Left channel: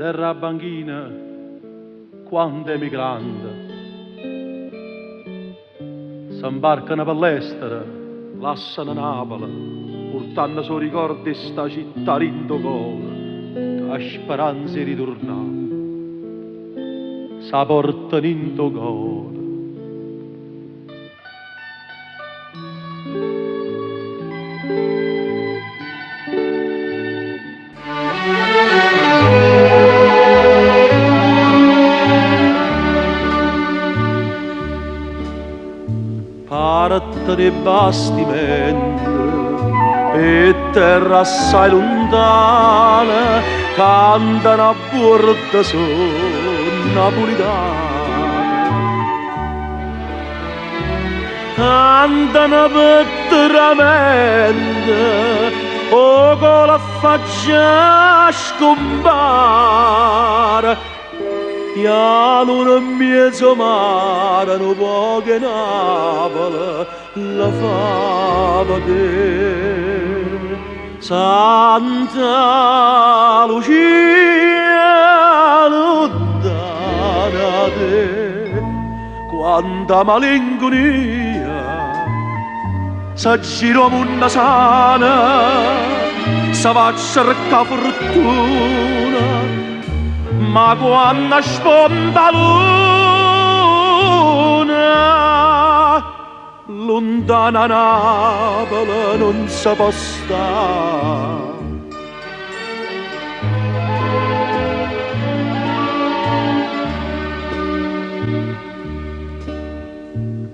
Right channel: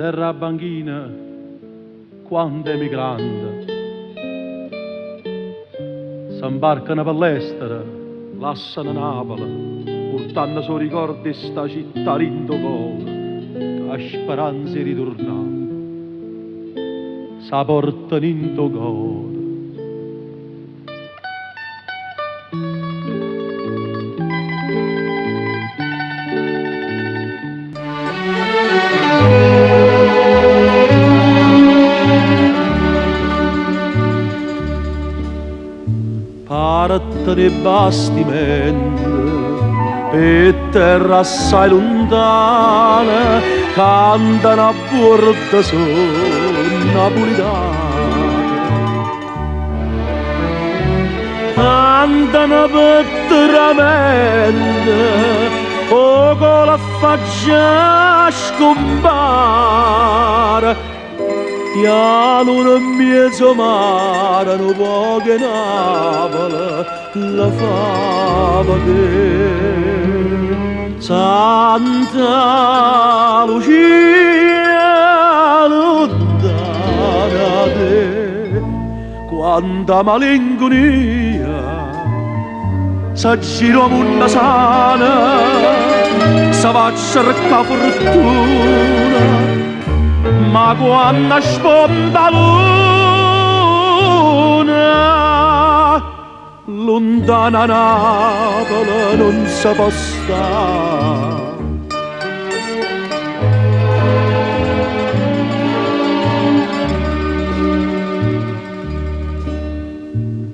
Derra banchina, quando è migrante, s'imbarcano per l'estero, lasciano Napoli, portando suoi ricordi sta città rindo cuore, a speranza di ritornare, sa portano in tuo cuore. Parte di bastimenti e terra assai lontana cantano a porta su napolitana, cantano vetteramente o con la faccia scompare. Piano nel mezzo mare, non poche Napoli, la fama di Santa Lucia, lontana te, quanta malinconia, s'aggiro una sana, sa va a cercare fortuna, ma quando sponda luna, lontana Napoli non si può stare.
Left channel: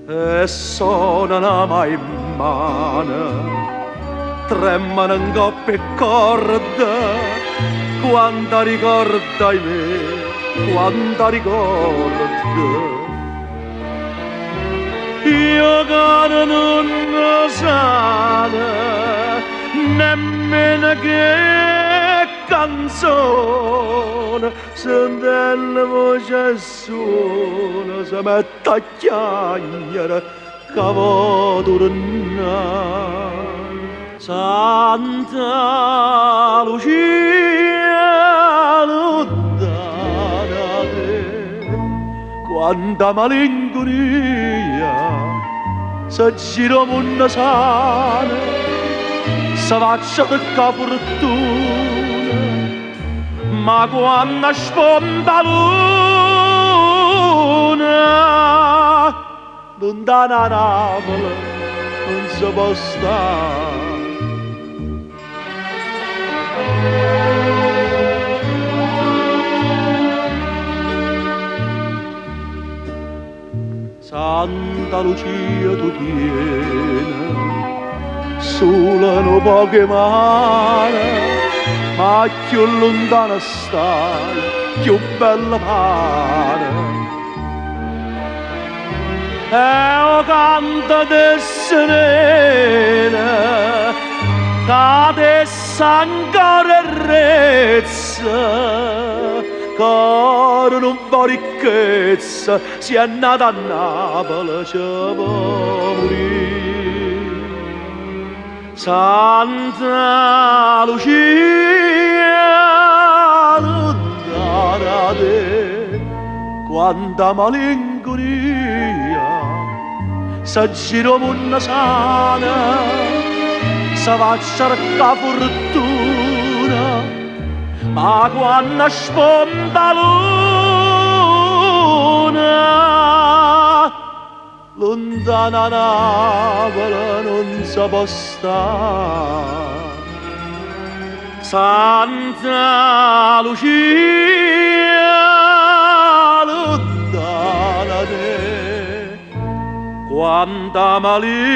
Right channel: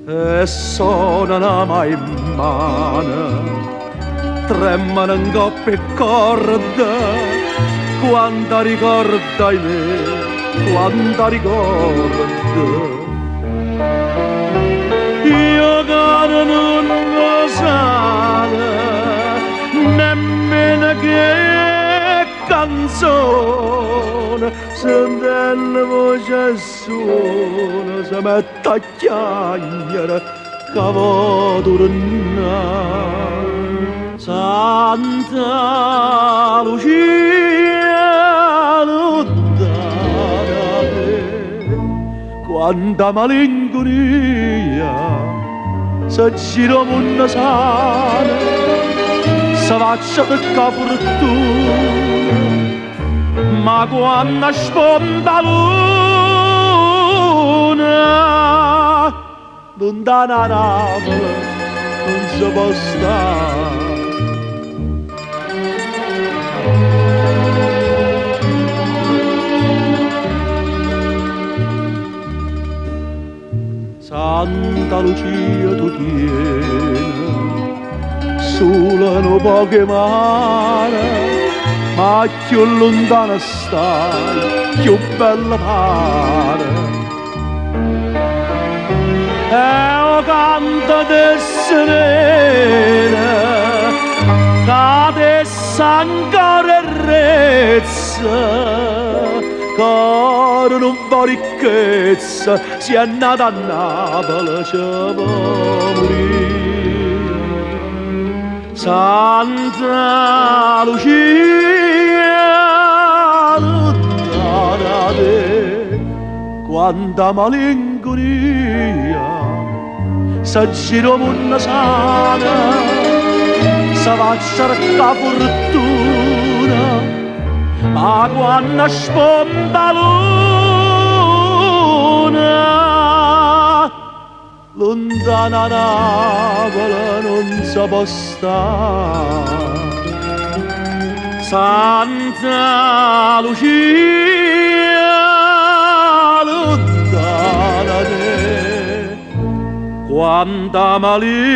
E suonano mai in mano, tremano in coppia e corda, quanta ricorda in me, quanta ricorda. Io che non lo so, nemmeno che canzone, sentendo voce suona, si mette a chiagliare, che vuoi tornare. Santa Lucia, lontana te, quanta malinconia, s'aggiro una sana, si va a cercare fortuna, ma quando sponda luna, lontana Napoli non si può stare. Santa Lucia tu tieni, solo un poche mani, ma più lontana stai, più bella pare. E o canto de serena, che adesso ancora rezza, caro non fa ricchezza, si è nata a Napoli, ci può morire. Santa Lucia, lontana te, quanta malinconia, s'aggiro una sana, si va a cercare fortuna, ma quando sponda luna, lontana Napoli non si può stare. Santa Lucia, lontana te, quanta malinconia,